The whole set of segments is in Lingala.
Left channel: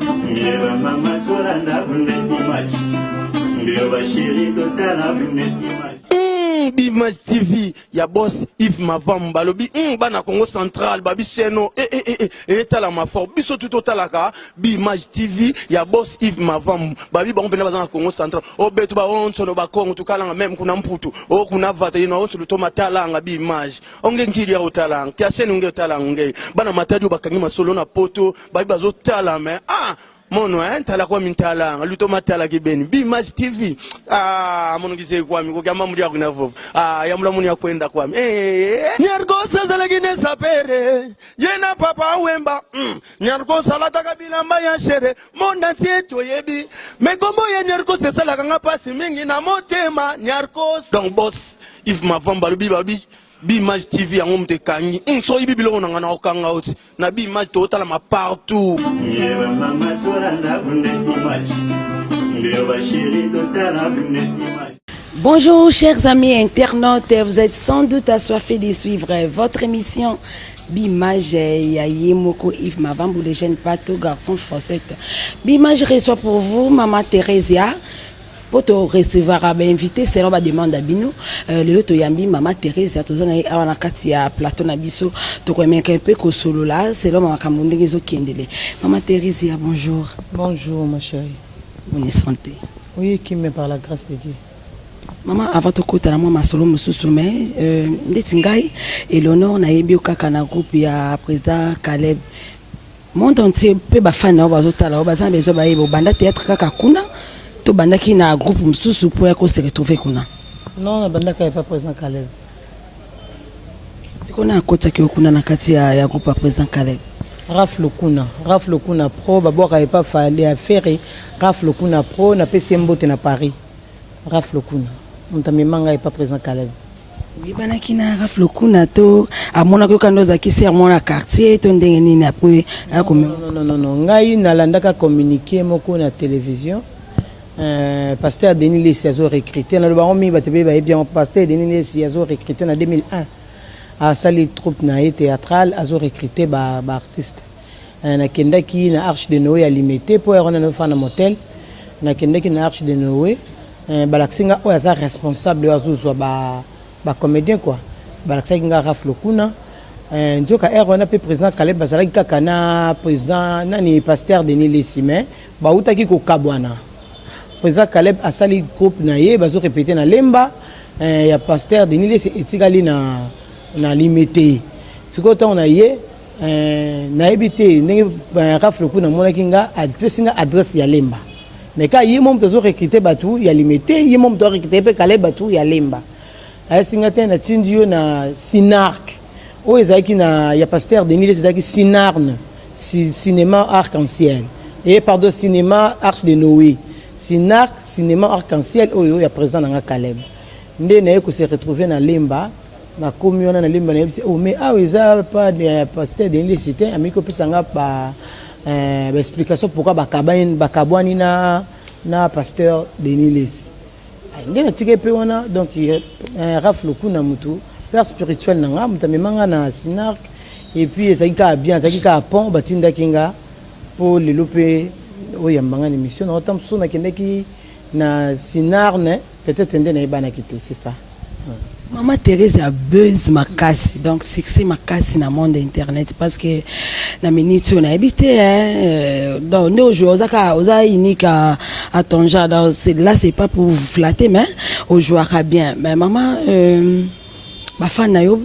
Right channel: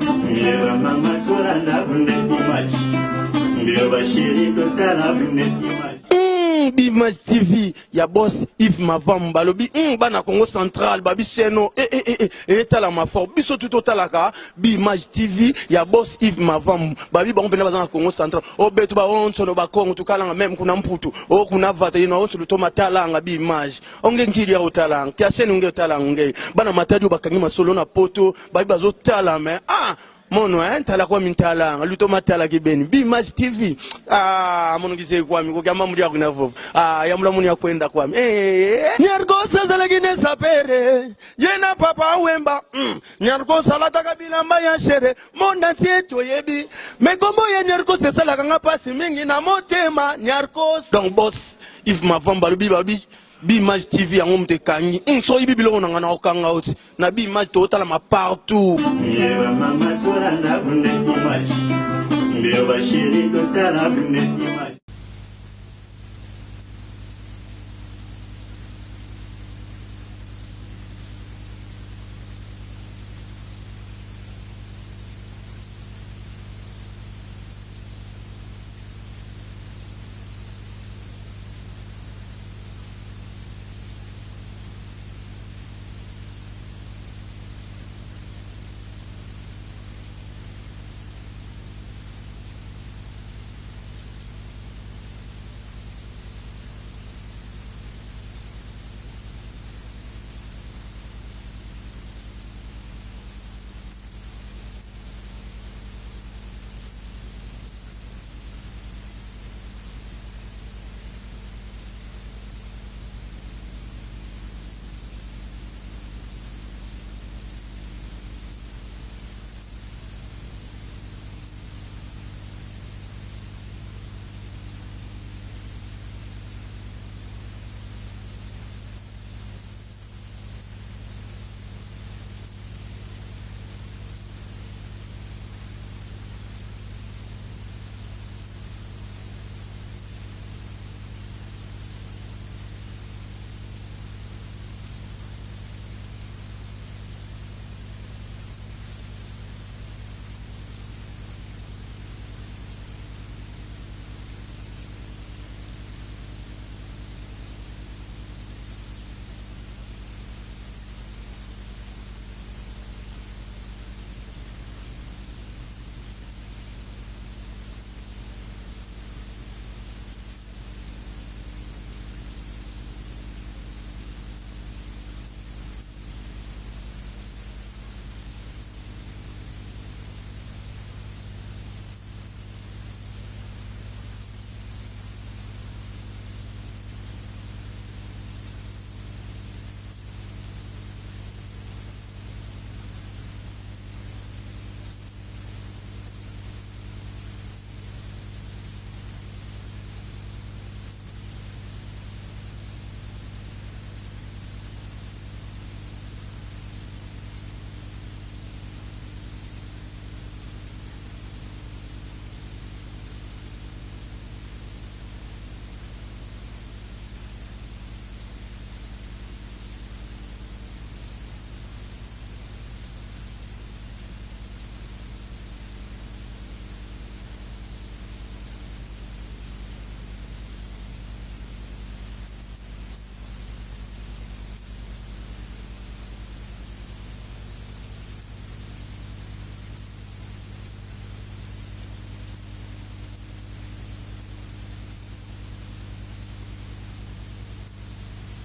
Mbeba mama tora na bundesimaji. Mbeba shiri kotala bundesimaji. Bimage TV, ya boss Yves Mavam balobi bana Congo Central babi seno tala ma fort biso tout talaka Bimage TV ya boss Yves Mavam babi ba mpena bazana Congo Central o betu ba onso no ba Congo tukala même kuna mputu o kuna vata ina onso lutoma talanga Bimage onge ngiri ya utalanga tia senu nge talanga bana mataju bakangi masolo na poto babi bazo tala me mono tala kwa mintala luto matala kibeni Bimage TV mono kise kwa mi ko kama muri akuna vovo ya mula muni akwenda kwa mi nyargosa zalagine sapere yena papa wemba nyargosa lata kabila mbaya shere monda tieto yebi megombo ye nyargosa sala kanga pasi mingi na motema nyargosa donc boss Yves Mavam balubi babi Bimage TV yango mtekangi so ibi biloko nanga na okanga oti na Bimage to tala ma partout Mbeba mama tora na bundesimaji. Mbeba shiri kotala bundesimaji. Bonjour chers amis internautes, vous êtes sans doute assoiffés de suivre votre émission Bimage Yayemoko Yves Mavam pour les jeunes bateaux garçons chaussettes. Bimage reçoit pour vous Maman Theresia. Pour te recevoir à invité, c'est là demande à Bino. Le lot yambi Maman Theresia, tous on a un katia plateau na biso. Tu connais un peu que solo là, c'est là Maman Kamunde qui kindele. Maman Theresia, bonjour. Bonjour ma chérie. Bonne santé. Oui, qui me par la grâce de Dieu. Maman, avant de côté, moi, ma solo, Ndetingai, et l'honneur, na yebi okaka na groupe ya président Caleb. Monde entier, peu bafana, bazotala, bazan bezo ba yebo, banda théâtre kaka kuna, to banda ki na groupe mususu pour yako se retrouver kuna. Non, banda ka pas président Caleb. C'est qu'on a kota ki kuna na kati ya groupe ya président Caleb. Raf Lokuna Pro, babo ka pas fallu à faire Raf Lokuna Pro na PCMBOT na Paris. Raf Lokuna. Montami manga pas président Caleb. Oui, banaki na Raf Lokuna to amona ko kando za kisi amona quartier to ndenge nini après non ngai nalandaka communiquer moko na télévision. Pasteur Denis Lesiazo recruté na le baron mi batebe ba bien pasteur Denis Lesiazo recruté en 2001 à sali troupe na théâtrale azo recruté ba artiste na kendaki na Arche de Noé à limité pour erona na fana motel na kendaki na Arche de Noé balaksinga oyo aza responsable azuzwa ba comédien quoi balaksinga Raf Lokuna njoka erona pe président Caleb bazalaki kaka na président nani pasteur Denis Lesime ba utaki ko kabwana président Caleb asali groupe na ye bazo répéter na lemba ya pasteur Denis Lesime etikali na limité sikoto on a ye na ebité ndenge Raf Lokuna monaki nga apesinga adresse ya lemba. Mais quand il y a un moment où recruter batou, il y a limité, il y a un moment où recruter Caleb batou, il y a lemba. À Singaté na tindio na Sinarc. O ezaki na ya pasteur Denis ezaki Sinarne, cinéma arc-en-ciel. Et pardon cinéma Arche de Noé. Sinarc cinéma arc-en-ciel oyo ya présent na Caleb. Ndé na ko se retrouver na lemba na commune na lemba na oh mais ah eza pas de pasteur Denis c'était amiko pisanga ba explication pourquoi bakabwani na pasteur Denis Lesi ngena tike pe wana donc Raf Lokuna mutu père spirituel nanga mutamemanga na Sinarc et puis ezaka bien ezaka pont batinda kinga pour le lope oyambanga émission na otam sona kendeki na Sinarne peut-être ndena ibana kité c'est ça. Maman Thérèse a buzz makasi, donc succès makasi dans le monde internet parce que na minute on a habité donc nous jouons aux unique à ton genre donc là c'est pas pour vous flatter mais au joueur bien mais maman ba fan na yo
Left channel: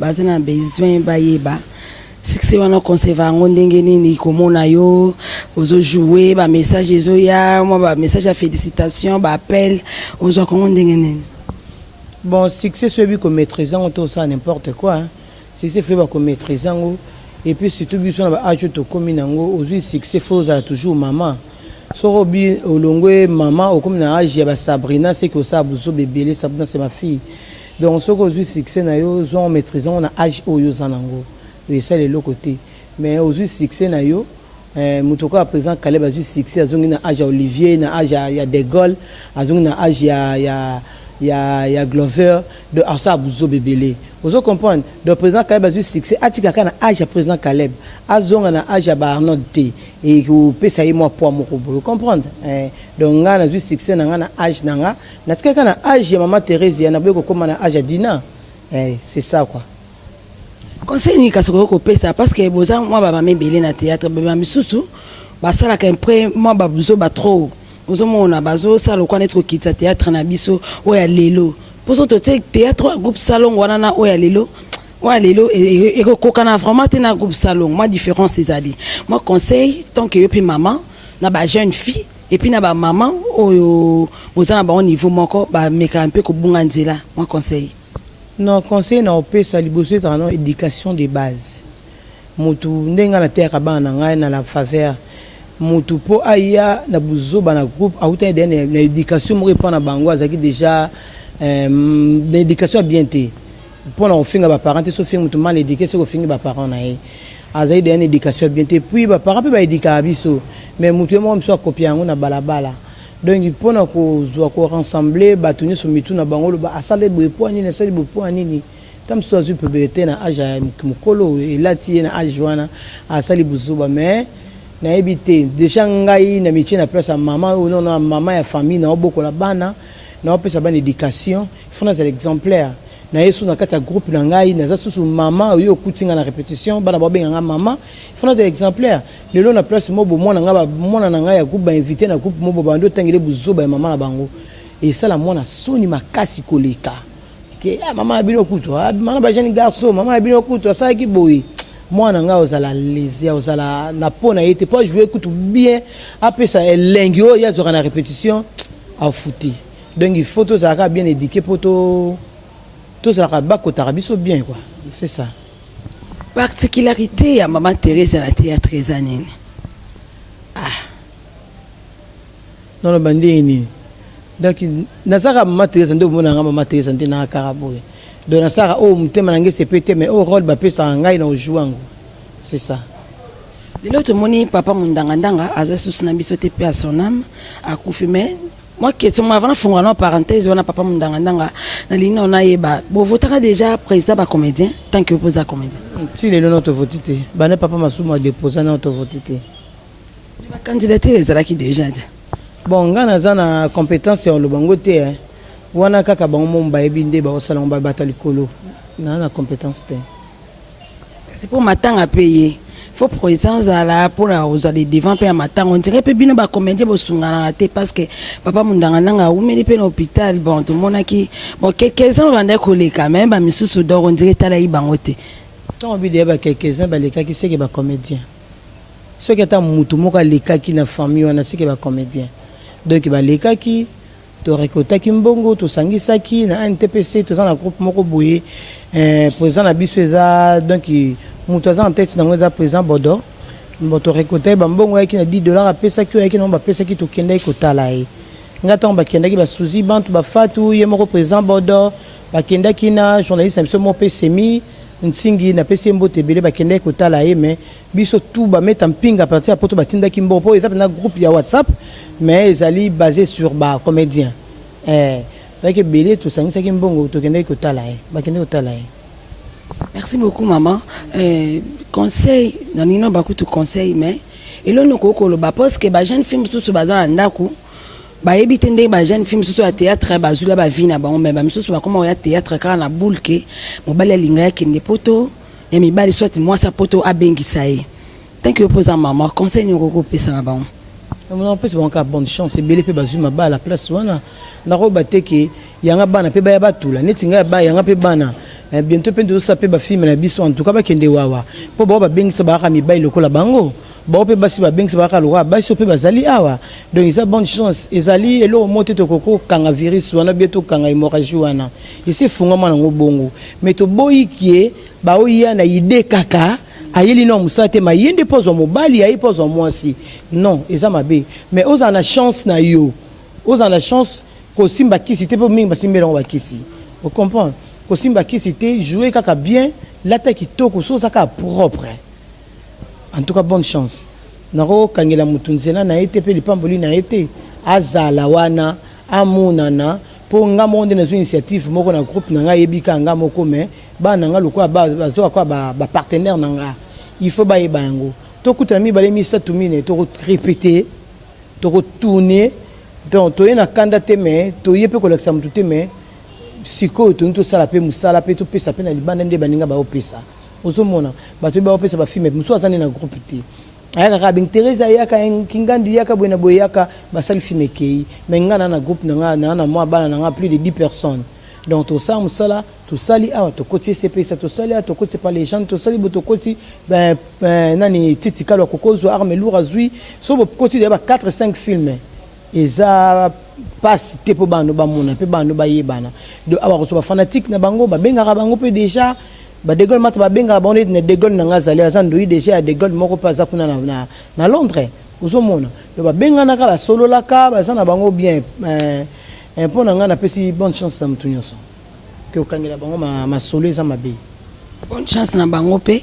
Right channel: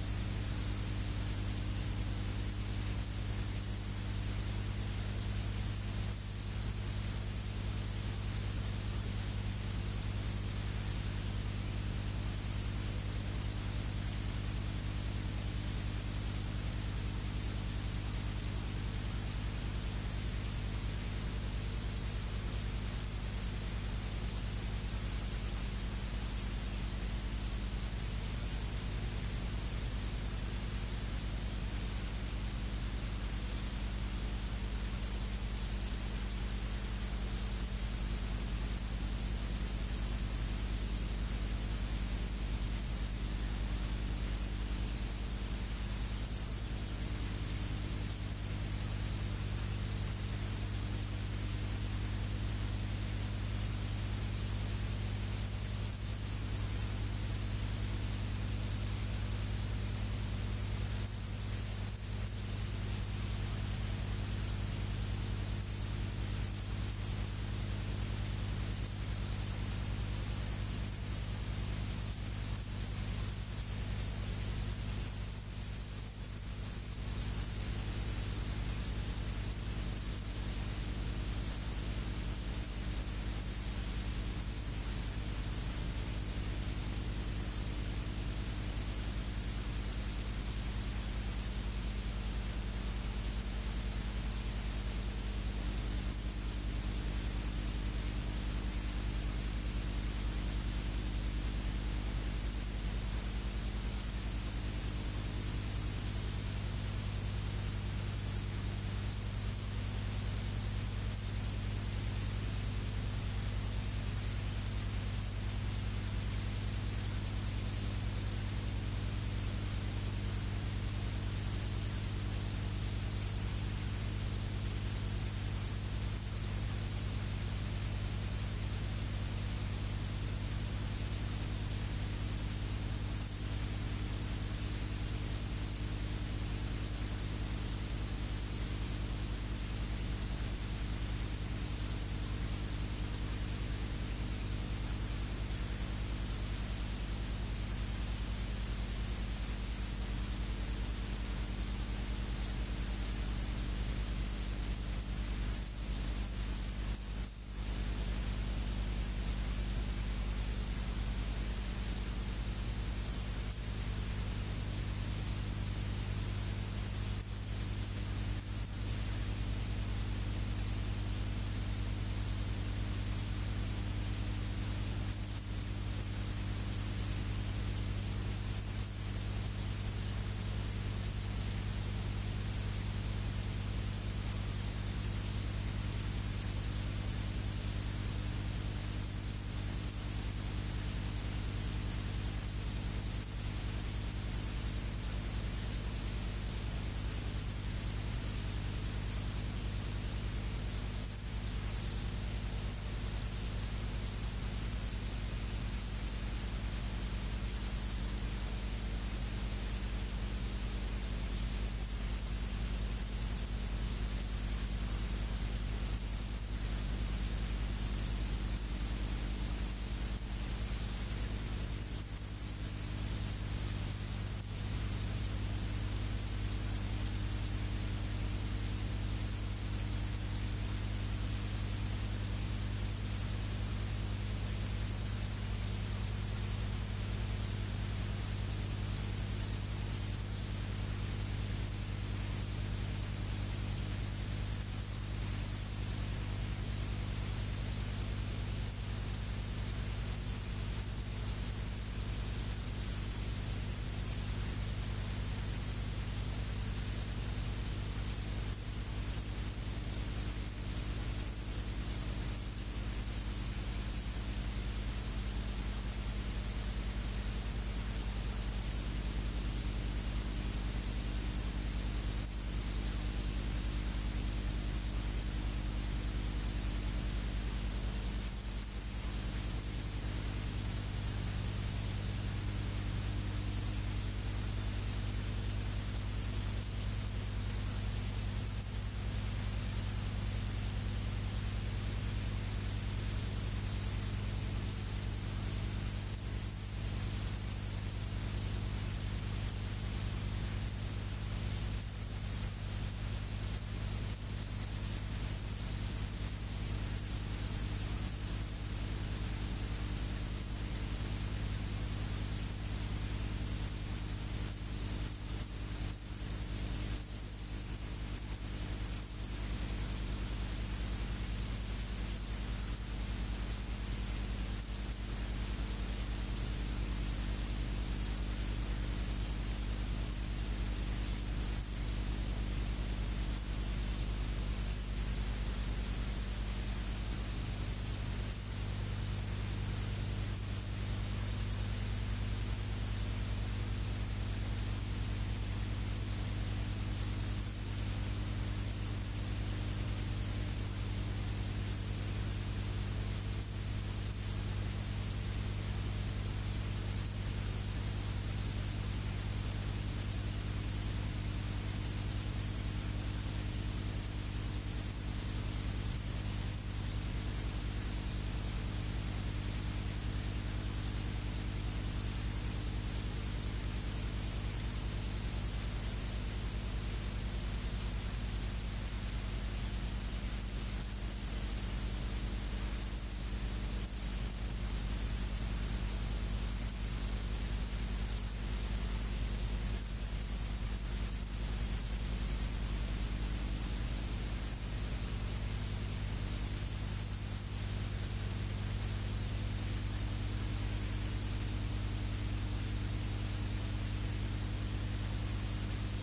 bazana besoin ba yeba succès wana conserver ndenge nini komona yo ozo jouer ba message ezo ya moi ba message à félicitations ba appel ozo comment ndenge nini. Bon, succès celui qu'on maîtrisant tout ça n'importe quoi. Hein. Succès fait qu'on maîtrisant et puis surtout besoin d'ajouter to commune aujourd'hui succès faut toujours maman. Sorobi olongwe maman au comme na âge ya Sabrina c'est que ça buzo bébé Sabrina c'est ma fille. Donc ce aujourd'hui succès na yo on maîtrisant on a âge au yo zanango. Et ça les l'autre côté. Mais aujourd'hui succès na yo mutoka présent Caleb a succès azongi na âge Olivier na âge ya De Gaulle azongi na âge il y a Glover de Asa Bouzo Bébélé. Vous comprenez? Le président Caleb a eu succès. Atika kana âge président Caleb. azonga na âge ba Arnold T et ko pesa ye moi poids moko vous comprendre donc nga na succès na nga na âge na nga na tika na âge ya maman Thérèse ya na boye ko koma na âge ya Dina c'est ça quoi. Conseil ni kasoko ko pesa parce que boza moi ba mame belé na théâtre ba misusu ba sala ka après moi ba buzo ba trop bozo mona bazo sala ko netko kitsa théâtre na biso oya lelo poso to théâtre groupe salon wana na oya lelo et kokana vraiment te na groupe salon moi différence c'est à dire moi conseil tant que yo pe maman na ba jeune fille et puis na ba maman oyo boza na ba au niveau moko ba meka un peu ko bunga nzela moi conseil. Non, conseil na opesa liboso etana éducation de base. Mutu ndenga na terre bana ngai na la faveur. Mutu po aya na buzo bana groupe auta na éducation mo répondre bango azaki déjà l'éducation bien té. Pour na ofinga ba parents so finga mutu mal éduqué so finga ba parents na ye. Azai de éducation bien té puis ba parents pe ba éduquer biso mais mutu mo mso copier ngo na balabala. Donc il faut qu'on rassembler batuni sur mitu na bango ba asale boepo ani na sale boepo ani ni tam so azu puberté na âge mukolo et là tie na âge wana asali buzuba mais na ebité déjà ngai na métier na place maman ou non maman ya famille na oboko la bana na opesa bana éducation faut na exemplaire na yesu na kata groupe na ngai na zasu maman oyo kutinga na répétition bana ba benga maman faut na exemplaire lelo na place mobo mona nga ba mona na ngai ya groupe ba invité na groupe mobo ba ndo tangile buzoba ya maman na bango et ça la mona soni makasi koleka ke maman abino kuto maman ba jeune garçon maman abino kuto ça ki boy mwana nga ozala lésia ozala na pona yete pas jouer kuto bien après ça elengi o ya zora na répétition a fouti donc il faut tous ça bien éduquer pour tout ça va biso bien quoi c'est ça. Particularité à maman Thérèse à la théâtre années. Non le bandé ni. Donc nazara maman Thérèse ndo mona maman Thérèse ndina karaboy. Donc nazara o mutema nange CPT mais au rôle ba pesa ngai na ojuango. C'est ça. L'autre moni papa mundangandanga azasus na biso te pe à son âme a confirmé. Moi question avant fongana parenthèse on a papa mundangandanga na lina on a yeba bo votera déjà président ba comédien tant que opposant comédien. Si les notre votité bana papa masuma déposer notre votité. La candidature ezalaki déjà. Bon ngana zana compétence ya lobango te wana kaka bango mba ebinde ba osala mba batalikolo na compétence te. C'est pour matin à payer. Faut présence à la pour aux aller devant payer matin on dirait pe bino ba comédien bo sungana te parce que papa mundangana ou meli pe l'hôpital bon tout le monde qui bon quelques-uns vont coller quand même ba misusu dor on dirait tala ibangote. Tant envie de ba quelques-uns ba les cas qui c'est que ba comédien. Ceux qui attend mutu moko les cas qui na famille on a c'est que ba comédien. Donc ba les cas qui to récolta ki mbongo to sangisa ki na NTPC to za na groupe moko boye président na biso eza donc mutu aza en tête na ngeza président Bodo mboto récolta ba mbongo yaki na $10 a pesa ki yaki na ba pesa ki to kenda ko tala e ngata on ba kenda ki ba suzi bantu ba fatu ye moko président Bodo ba kenda ki na journaliste mso mo pe semi nsingi na pesi mbote belé ba kenda ko tala e mais biso tout ba mettre en ping à partir poto ba tinda ki mbo po eza na groupe ya WhatsApp mais ils allaient basé sur ba comédien avec belé tout ça qui mbongo to kenda ko tala e ba kenda ko tala e. Merci beaucoup maman. Conseil dans une beaucoup de conseils mais et là nous ko ba parce que ba jeune film tout bazan ndako ba ebitende ba jeune film tout à théâtre ba zula ba vina ba on mais ba misusu ba comment ya théâtre car na boule que mobali linga ya kende poto et mi bali soit moi sa poto abengisa ye. Thank you pour ça maman. Conseil nous ko pesa na ba on. On peut se bon ka bonne chance et belé pe bazuma ba la place wana na roba teke yanga bana pe ba ya batula netinga ba yanga pe bana bientôt pe ndo sape ba film na biso en tout cas ba kende wawa po ba ba bengisa ba ka mi ba lokola bango ba pe ba si ba bengisa ba ka lokola ba so pe bazali awa donc ils a bonne chance ezali elo moto to koko kanga virus wana bieto kanga hémorragie wana isi funga mana ngobongo mais to boyi kie ba oya na ide kaka ayeli no musate ma yende pozo mobali ayi pozo mwasi non eza mabe mais oza na chance na yo oza na chance ko simba kisi te po mingi basimbela ngo bakisi vous comprenez ko simba kisi te jouer kaka bien la tête kitoko so saka propre en tout cas bonne chance nako kangela mutunzela na été pe lipamboli na été azala wana amunana po nga monde na initiative moko na groupe na nga yebika nga moko mais ba nanga lokwa ba zo kwa ba partenaire nanga il faut bailler bango to kuta mi balé mi satumine to répéter to retourner donc to na kanda te mais to yepe collection mutu te mais siko to sala pe musala pe to pesa pe na libanda nde baninga ba opesa ozomona bato ba opesa ba filme muso azani na groupe te ayaka ka bing Teresa yaka kingandi yaka bwena boyaka basali filme kei mais ngana na groupe na moi bana na plus de 10 personnes donc to ça musala to sali awa to koti CP ça to sali to koti par les gens to sali boto koti ben nani titika lo kokozo arme lourd azui so bo koti de ba 4 5 films eza passe te po bano ba mona pe bano ba yebana de awa so ba fanatique na bango ba benga bango pe déjà ba de gol mat ba benga ba on ne de gol na ngazali azando yi déjà de gol moko pa za kuna na Londres uzomona de ba benga na kala solo la ka ba sana bango bien pour na ngana pesi bonne chance na mutu nyonso que okangela bango ma solo eza mabe bonne chance na bango pe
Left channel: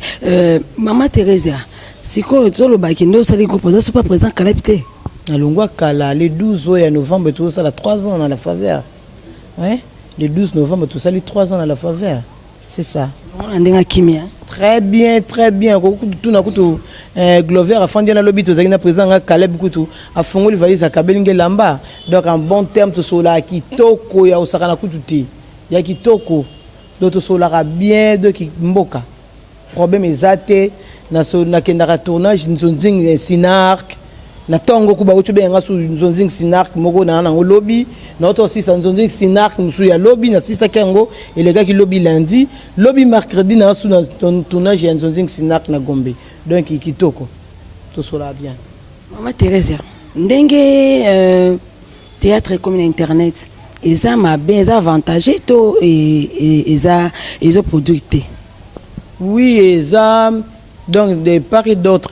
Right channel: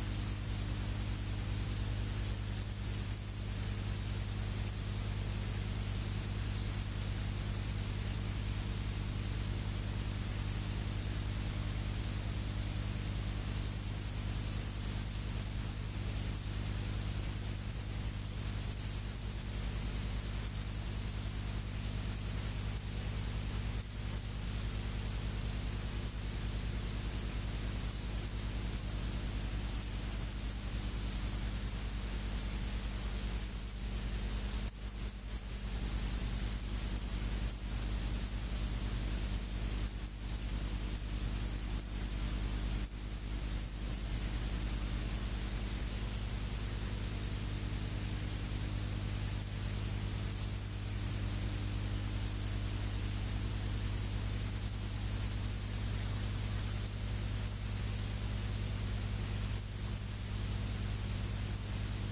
Maman Teresa siko tolo ba kindo sali groupe za super président kalapité na longwa kala le 12 novembre tout ça la 3 ans dans la faveur ouais le 12 novembre tout ça les 3 ans dans la faveur c'est ça on ndenga kimia très bien tout na kutu Glover a fandi na lobby to zaki na président nga Caleb kutu a fongoli valise a kabelinge lamba donc en bon terme to sola kitoko ya osaka na kutu ti ya kitoko do to sola bien de ki mboka problème ezate na so na kendaka tournage nzonzing sinark na tongo kuba uchobe nga su nzonzing sinark moko na lobby na auto aussi nzonzing sinark musu ya lobby na sisa kengo et les gars qui lobby lundi lobby mercredi na su na tournage ya nzonzing sinark na Gombe donc kitoko to sola bien Maman Teresa ndenge théâtre comme internet eza mabe eza avantage to eza produit oui eza donc de part et d'autre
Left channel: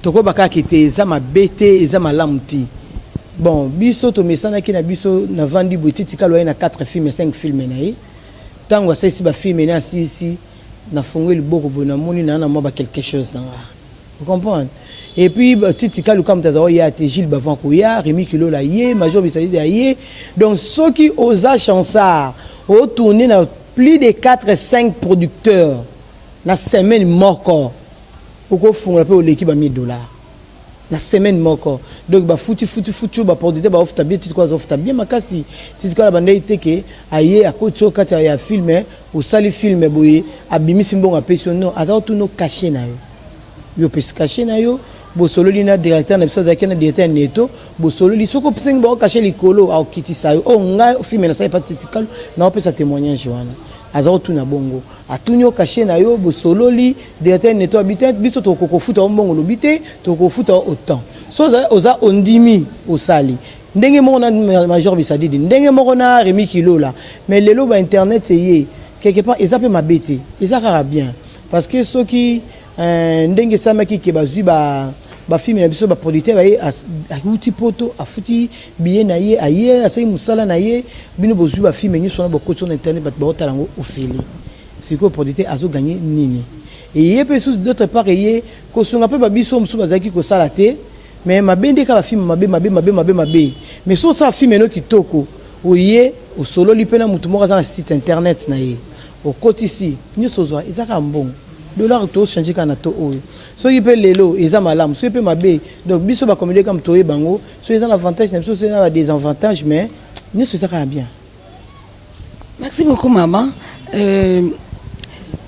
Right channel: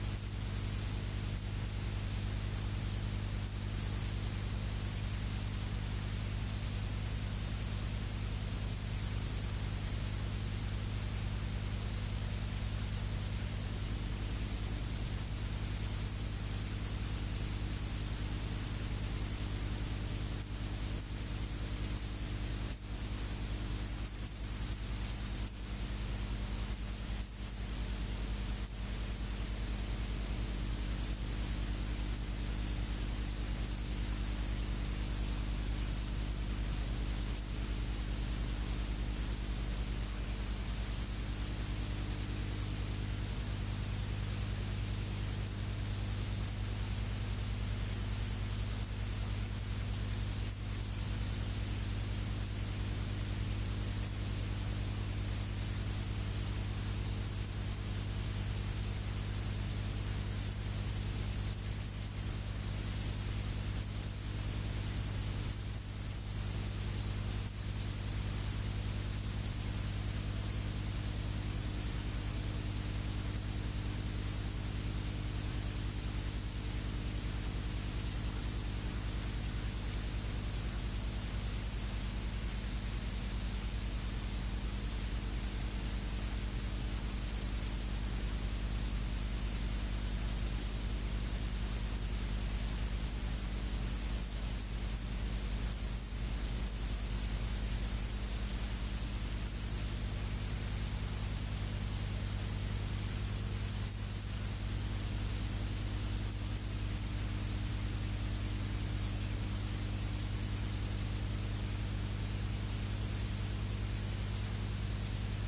toko baka kete eza mabe te eza malamu ti bon biso to mesana ki na biso na vandi boutique kalo na 4 films 5 films na ye tango ça ici ba film na si na fongwe liboko bona moni na moi ba quelque chose dans vous comprenez et puis titi kalo comme tazo ya te Gilles Bavanko ya Rémi Kilo la ye Major Bisadi ya ye donc ceux qui osa chansard au tourner na plus de 4 5 producteurs la semaine moko pourquoi font peu l'équipe à $1000 la semaine moko donc ba futi ba producteur ba ofta bien titi quoi ofta bien makasi titi quoi la bande iteke aye akotso kata ya filmer au sali film boye abimisi mbonga pension non attends tout no caché na yo pes caché na yo bo solo lina directeur na biso zakena directeur neto bo solo li soko pseng ba caché likolo au kitisa yo o nga film na sai pas titi quoi na opesa témoignage wana azao tout na bongo atunyo caché na yo bo solo li directeur neto habitat biso to kokofuta mbongo lobité to kofuta autant so oza ondimi osali ndenge moko na Major Bisadi ndenge moko na Rémi Kilo là mais lelo ba internet c'est yé quelque part ils appellent ma bête ils a bien parce que ceux qui ndenge samaki ke bazui ba film na biso ba producteur ba ahuti poto afuti billet na ye aye asai musala na ye bino bozui ba film ni sona bokoti sur internet ba otalango ofeli siko producteur azo gagner nini et yé pe sous d'autre part yé ko sunga pe ba biso musu bazaki ko sala te mais mabende ka ba film mabe mais so ça film no kitoko oye o solo lipena mutu moko na site internet na ye au côté ici ni sozwa ezaka mbongo dollar to changer kana to oyo so yipe lelo eza malamu so yipe mabe donc biso ba comédie comme toye bango so eza l'avantage na biso c'est na des avantages mais ni ezaka bien. Merci beaucoup maman.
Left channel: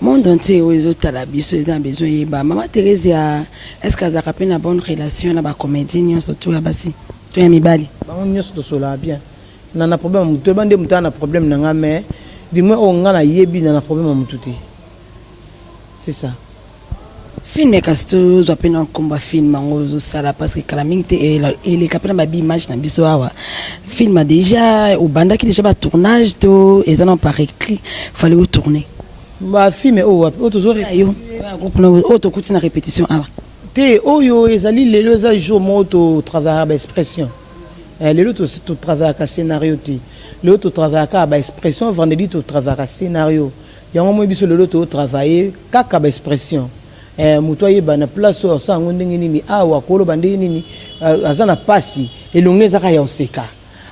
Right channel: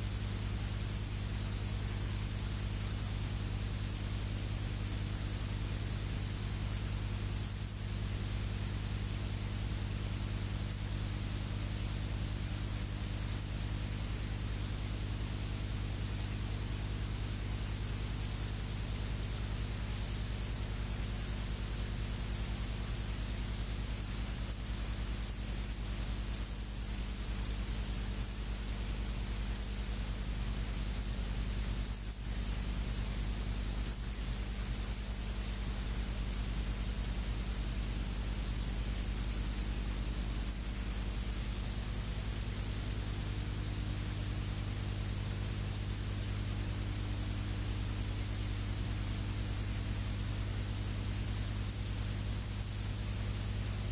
Monde entier aux autres la biso ils ont besoin yeba Maman Teresa est-ce que ça rappelle une bonne relation na ba comédien surtout à basi to ya mibali bango nyonso to sola bien na problème to bande muta na problème na nga mais du moins on nga na yebi na problème mututi c'est ça film kasto zo pena komba film ngo sala parce que kala mingi et les capena ba image na biso awa film a déjà au banda qui déjà ba tournage to et ça non pas écrit fallait tourner ba film o toujours yo groupe no auto kuti na répétition awa te oyo ezali lelo za jour moto travailler ba expression lelo to travailler ka scénario ti lelo to travailler ka ba expression vendredi to travailler ka scénario yango mo biso lelo to travailler kaka ba expression mutoye bana place o sango ndenge nini awa kolo bande nini azana pasi elongneza ka ya oseka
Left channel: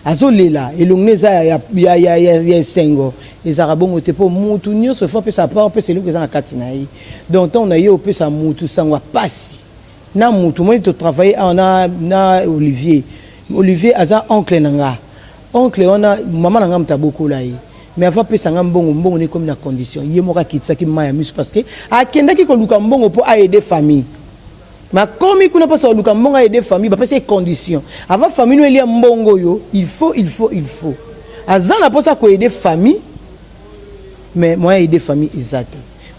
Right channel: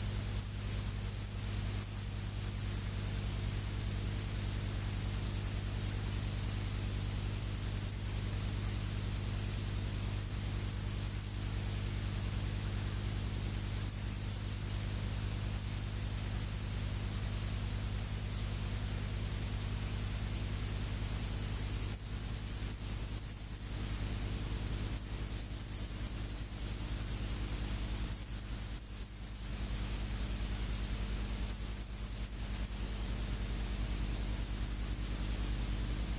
azolela elongneza ya sengo les arabons te pour mutu nyonso faut pe sa part pe celui que ça kati na yi donc on a yo pe sa mutu sangwa pasi na mutu moi to travailler na Olivier aza oncle nanga oncle ona maman nanga mtaboko la yi mais avant pe sanga mbongo ni comme na condition ye moka kitsa ki maya misu parce que akenda ki ko luka mbongo pour aider famille. Mais comme il n'a pas ça, il a des familles, il ces conditions. Avant famille, il y a mbongo yo, il faut. Azan n'a pas ça quoi aider famille, mais moi aider famille exact.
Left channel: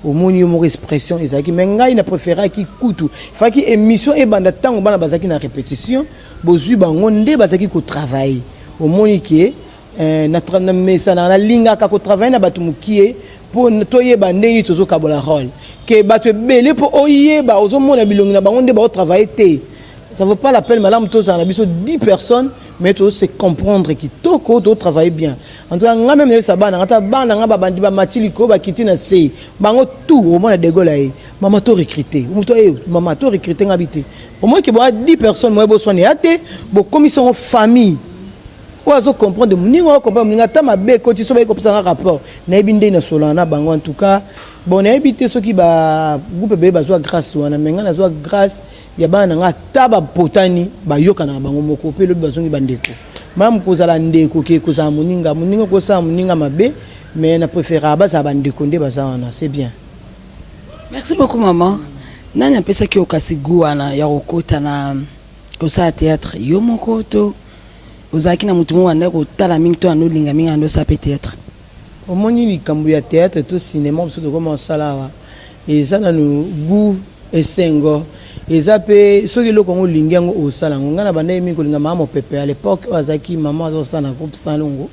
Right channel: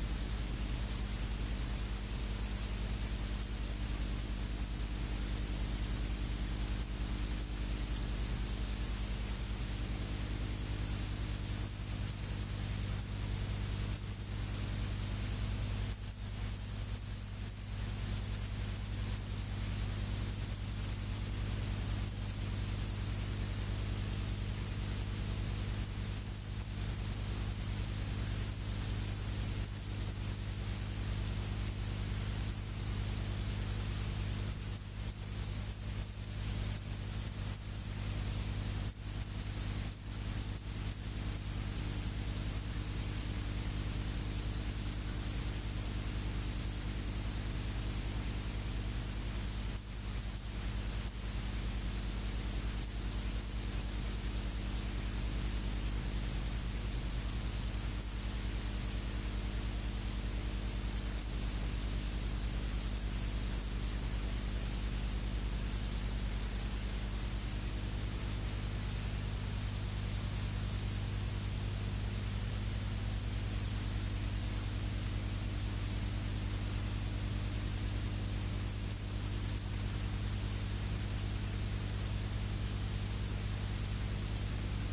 Au moins il y a une expression exact. Mais ngai na préféré qui coûte. Faut qui émission et banda tango bana bazaki na répétition, bozui bangonde bazaki ko travail. Au moins qui na mesa na linga ka ko travail na batu mukie pour toyer bandeni tozo kabola rôle. Que battre belé pour oyer ba ozomona bilongi na bango nde ba travailler. Ça vaut pas la peine madame tous en abiso 10 personnes mais tous c'est comprendre qui toko to travailler bien. En tout cas nga même ça bana ngata bana nga bandi ba matiliko ba kiti na sei bango tout au moins de gola e maman to recruter maman to recruter ngabité au moins que ba 10 personnes moi bo soigner até bo commission famille oazo comprendre mningo comprendre mninga ta mabe ko ti so ba ko pesa rapport na binde na solana bango en tout cas bon na habité ceux qui ba groupe be ba zo grâce wana menga na zo grâce ya bana nga taba potani ba yoka na bango moko pe lo bazongi bandeko mam ko zala ndeko ke ko za muninga ko sa muninga mabe mais na préférer ba za bandeko nde ba za wana c'est bien. Merci beaucoup maman. Nani apesa ki okasigu wana ya okota na ko sa théâtre yo moko to ozaki na mutumu wanda ko tala mingi to anolinga mingi ando sa peut-être. Au moins il y a théâtre tout cinéma parce que comment ça là et ça na nous goût et sengo et ça peut ceux qui le Congo lingango au salango ngana banda mi ko linga mama pepe à l'époque azaki maman zo ça na groupe salongo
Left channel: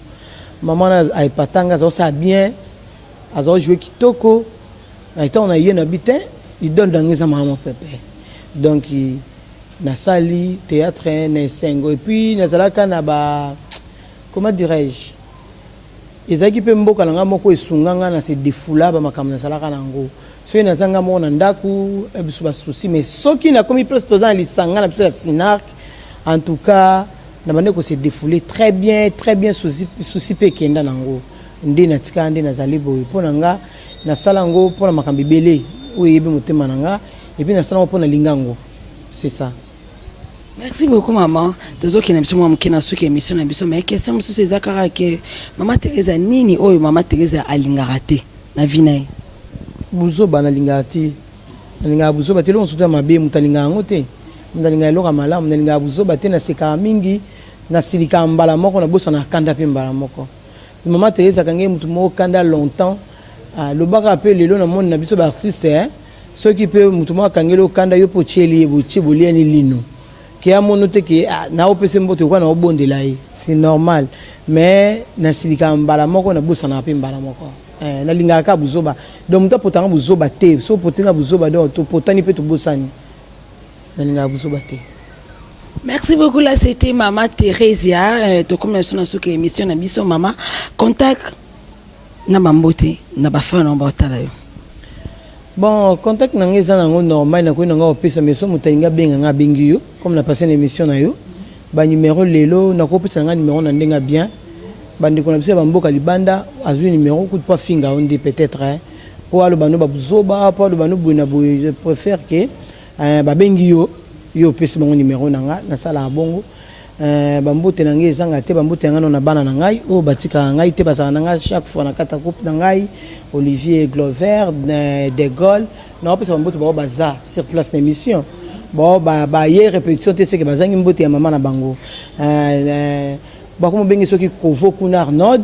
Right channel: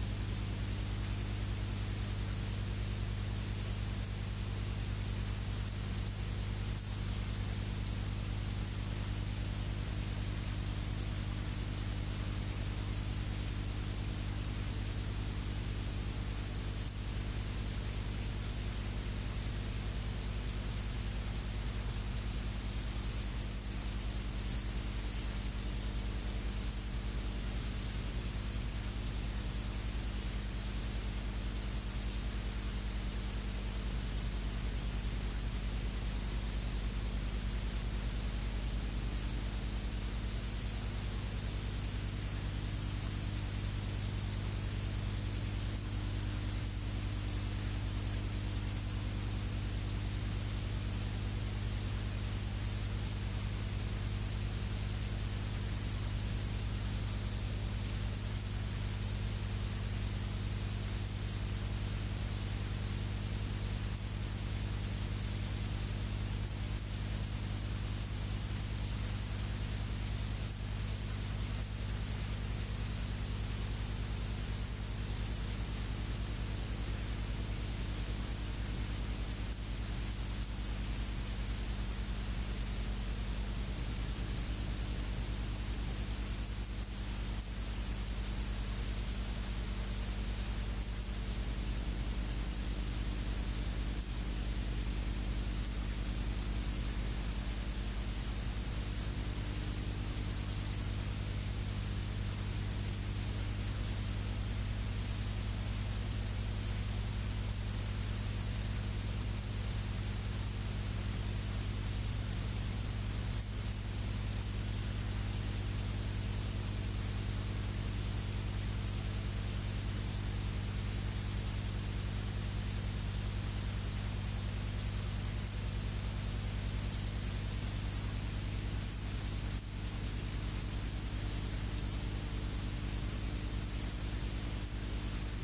maman a patanga zo ça bien azo jouer kitoko na temps on a yena bitin il donne dans les maman pepe donc na sali théâtre na sengo et puis na zalaka na ba comment dirais-je ezaki pe mboka nanga moko esunganga na se defula ba makambo na salaka nango so ina zanga mo na ndaku ebisu ba souci mais soki na komi place to dans lisanga na peut-être Sinarc en tout cas na bande ko se défouler très bien souci pe kenda nango ndi na tika ndi na zalibo pona nga na salango pona makambi belé oyebi motema nanga et puis na salango pona lingango c'est ça. Merci beaucoup maman. Tozo ki na biso mwa mukina suki émission na biso mais question musu c'est zakara ke maman Teresa nini oyo maman Teresa alingaka te na vinae. Buzo bana lingati. Linga buzo batelo nsuta mabe mutalinga ngote. Ndalinga loka malamu ndalinga buzo batena seka mingi na silika mbala moko na bosa na kanda pe mbala moko. Maman Teresa kange mutu mo kanda longtemps. Le baka appelle lelo na monde na biso ba artiste hein. Ceux qui peut mutu mo kangelo kanda yo pocheli bochi boliani lino. Qui a monoté que na opese mbote kwa na obonde là c'est normal mais na silika mbala moko na bosa na pe mbala moko na linga ka buzoba donc muta potanga buzoba te so potanga buzoba donc to potani pe to bosani na linga buzoba te. Merci beaucoup là c'était maman Theresia to comme na suka émission na biso maman contact na bambote na ba fa na botala yo. Bon, contact nange za nango normal na ko nanga opesa meso mutalinga benga nga bengi yo comme na passé l'émission na yo ba numéro lelo na ko opesa nga numéro na ndenga bien bandi ko na biso ba mboka libanda azui numéro coup de pas finga on dit peut-être hein pour alo bano ba buzoba pour alo bano buina bu je préfère que ba bengi yo opesa bango numéro nanga na sala bongo ba mbote nange zanga te ba mbote ngano na bana na ngai o batika ngai te bazana nanga chaque fois na kata coupe na ngai Olivier Glover de Gaulle na opesa ba mbote ba baza sur place d'émission bon ba hier répétition te ce que bazangi mbote ya mama na bango ba ko bengi soki Kovo kuna Arnold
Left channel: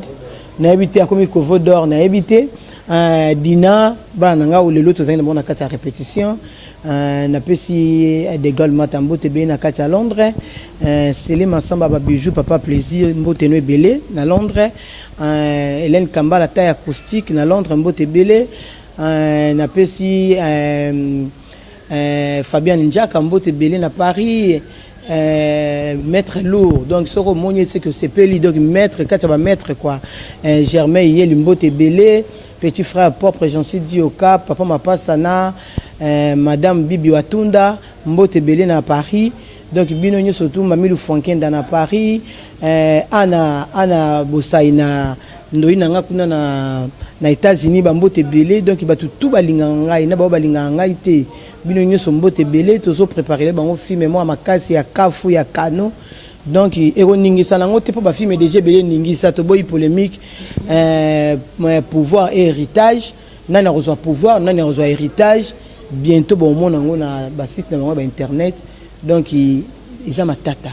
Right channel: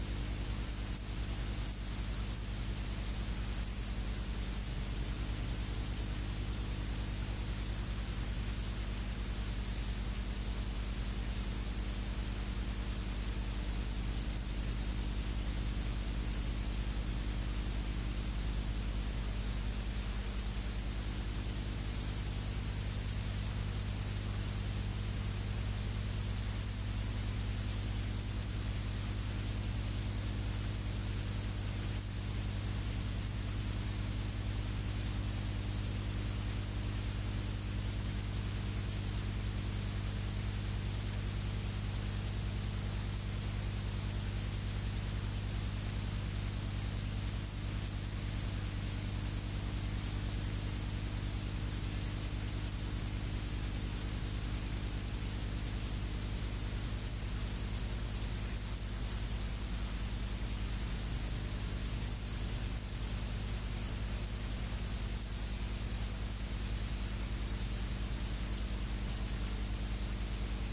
na habité akomi Kovo d'or na habité Dina ba na nga lelo to zangi na kata répétition na pesi de Gaulle matambote be na kata Londres Céline Massamba ba bijou papa plaisir mbote no belé na Londres Hélène Kamba la taille acoustique na Londres mbote belé na pesi Fabien Njaka mbote belé na Paris maître lourd donc soko monier c'est que c'est peli donc maître quand tu vas maître quoi Germain yeli mbote belé petit frère propre Jean-Cy Dioka papa mapa sana madame Bibi Watunda mbote belé na Paris donc binonyo surtout Mamilou Fonken dans Paris Anna Bosaina ndoi na nga kuna na États-Unis bambote belé donc batu tout balinga ngai na ba balinga ngai te bino nyonso mbote belé tozo préparer bango film moi makasi ya kafu ya kano donc ero ningisa nango te po ba film déjà belé ningisa to boy polémique pouvoir et héritage nani reçoit pouvoir nani reçoit héritage bientôt bon mon nango na ba site na bango ba internet donc ils ma tata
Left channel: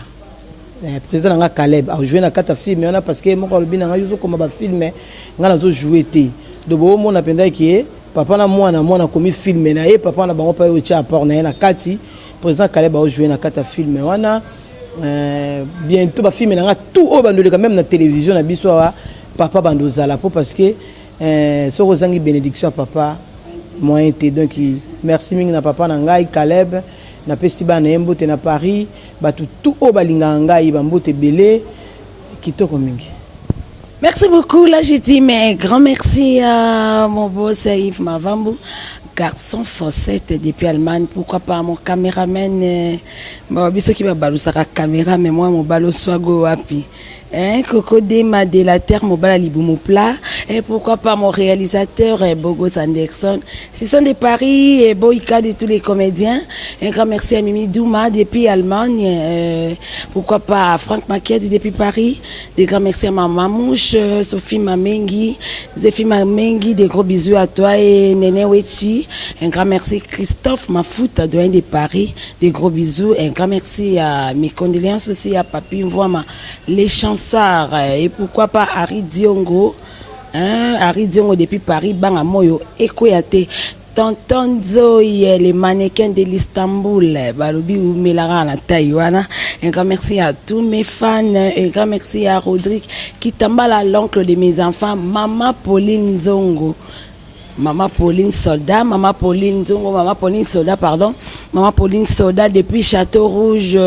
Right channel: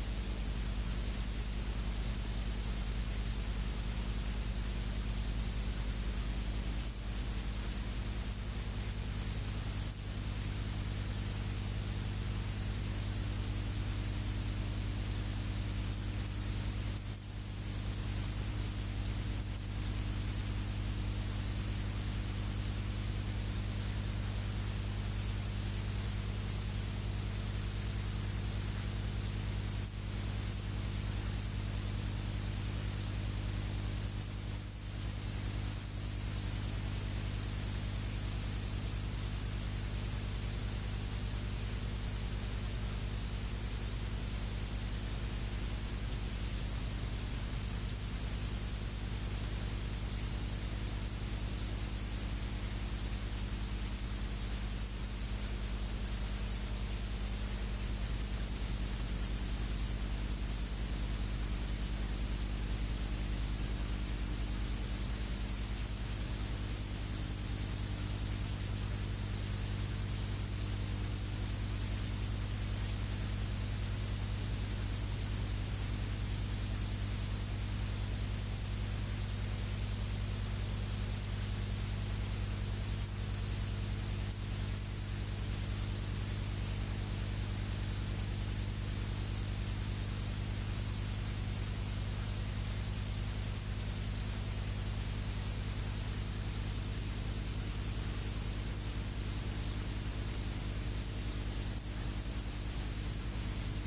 président nga Caleb a joué na kata film on a parce que mon kolobi na nga yuzo comme ba film nga nazo jouer te do bo mon apenda ki papa na mwana komi film na ye papa na bango pa yo tia apport na ye na kati président Caleb a joué na kata film wana bientôt ba film na nga tout au bandoleka même na télévision na biso wa papa bandozala po parce que soko zangi bénédiction papa moyen te donc merci mingi na papa na ngai Caleb na pesi ba na Mbote na Paris batu tout au balinga ngai bambote belé kitoko mingi. Merci beaucoup. Là, je dis mais grand merci à mon boss Yves Mavambu, garçon fossette depuis Allemagne. Pourquoi pas mon caméraman, biso qui va balusaka caméra, mais moi mon balo swago wapi. Coco Dema de la Terre, Mobala Liboumou Plat, et pourquoi pas mon réalisateur Bogos Anderson, ce sont des paris et Boïka de tous les comédiens. Un grand merci à Mimi Douma depuis Allemagne, pourquoi pas à Franck Maquiette depuis Paris, des grands merci à ma mamouche Sophie Mamengi, Zéphie Mamengi, des gros bisous à toi et Néné Wechi, un grand merci Christophe Mafouta, doyen de Paris, des gros bisous, un grand merci à mes condoléances aussi à Papi Mvoama, les chansons. Et pourquoi pas Harry Diongo, Harry Diongo depuis Paris, Banga Moyo, Ekoyate, Tonton Zoé, les mannequins de l'Istanbul, Balubi ou Melara à Taïwana. Un grand merci à tous mes fans, un grand merci à Rodrigue qui t'emballa l'oncle de mes enfants, Maman Pauline Zongo. Maman Pauline Soldat, Maman Pauline Zongo, Maman Pauline Soldat, pardon, Maman Pauline Soldat depuis Château Rouge.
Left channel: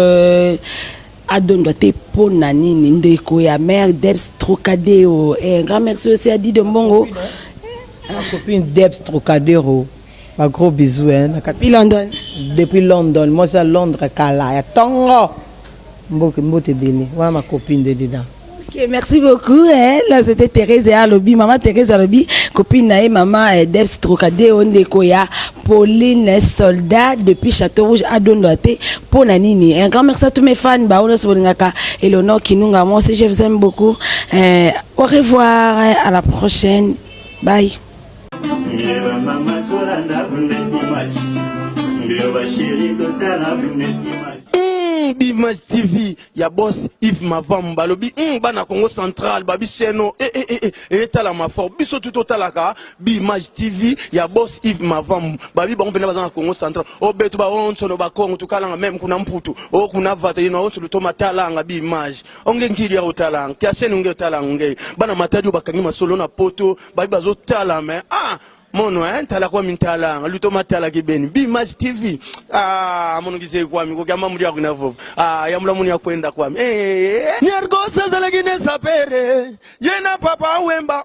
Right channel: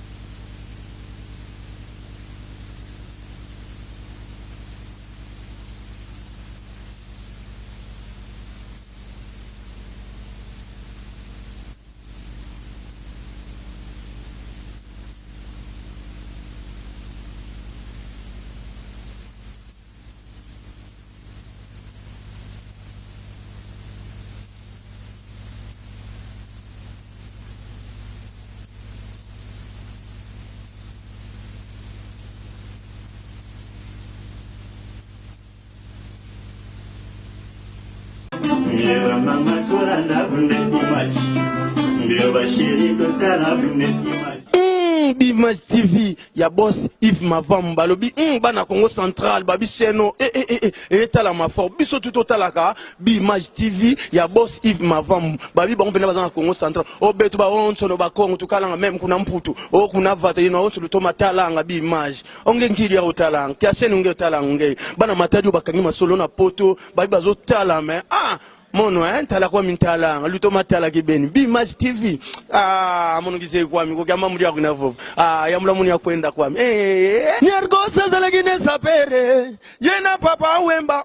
Adondote Ponanini Ndeko ya mère Debs Trocadéro et un grand merci aussi à Didi de Mbongo ma copine Debs Trocadéro un gros bisou depuis London moi c'est Londres Kala ya Tongo mbote bini voilà ma copine de dedans. Okay, merci beaucoup. Là, c'était Thérèse et Alobi. Maman Thérèse Alobi, copine nae, maman Debs Trocadéro Ndekoya, Pauline Soldat depuis Château Rouge à Dondoate, Ponanini. Un grand merci à tous mes fans. Baono Soboningaka et l'honneur Kinunga. Moi aussi, je vous aime beaucoup. Au revoir. À la prochaine. Bye. Image TV ya boss Yves Mavambu balobi bana Congo Central babi seno etala mafor biso tout talaka Image TV ya boss Yves Mavambu babi bango pena bazana Congo Central obetu ba onso no ba Congo tukalanga même kuna mputu o kuna vata ino onso lutoma talanga Image onge ngiri ya utalanga kya seno nge utalanga nge bana matadi bakangi masolo na poto babi bazo tala mais mono tala kwa mintala luto matala kibeni Image TV mono kise kwa mi ko kama muri akuna vovo yamula muni akwenda kwa mi nyarkosa zalagine sapere yena papa wemba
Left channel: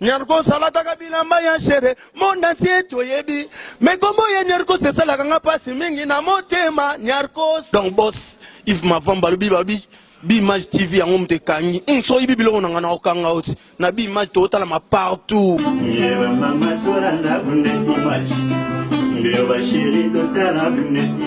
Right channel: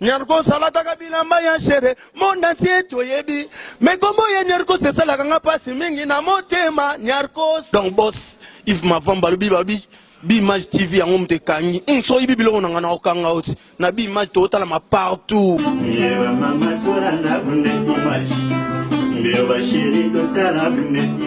nyarkosa lata kabila mbaya shere monda tieto yebi mekombo ye nyarkosa sala kanga pasi mingi na motema nyarkosa donc boss Yves Mavambu balobi babi Image TV yango mtekangi so ibi biloko nanga na okanga oti na Image to tala ma partout mama tsora na bundesi Image mbio bashiri to tala bundesi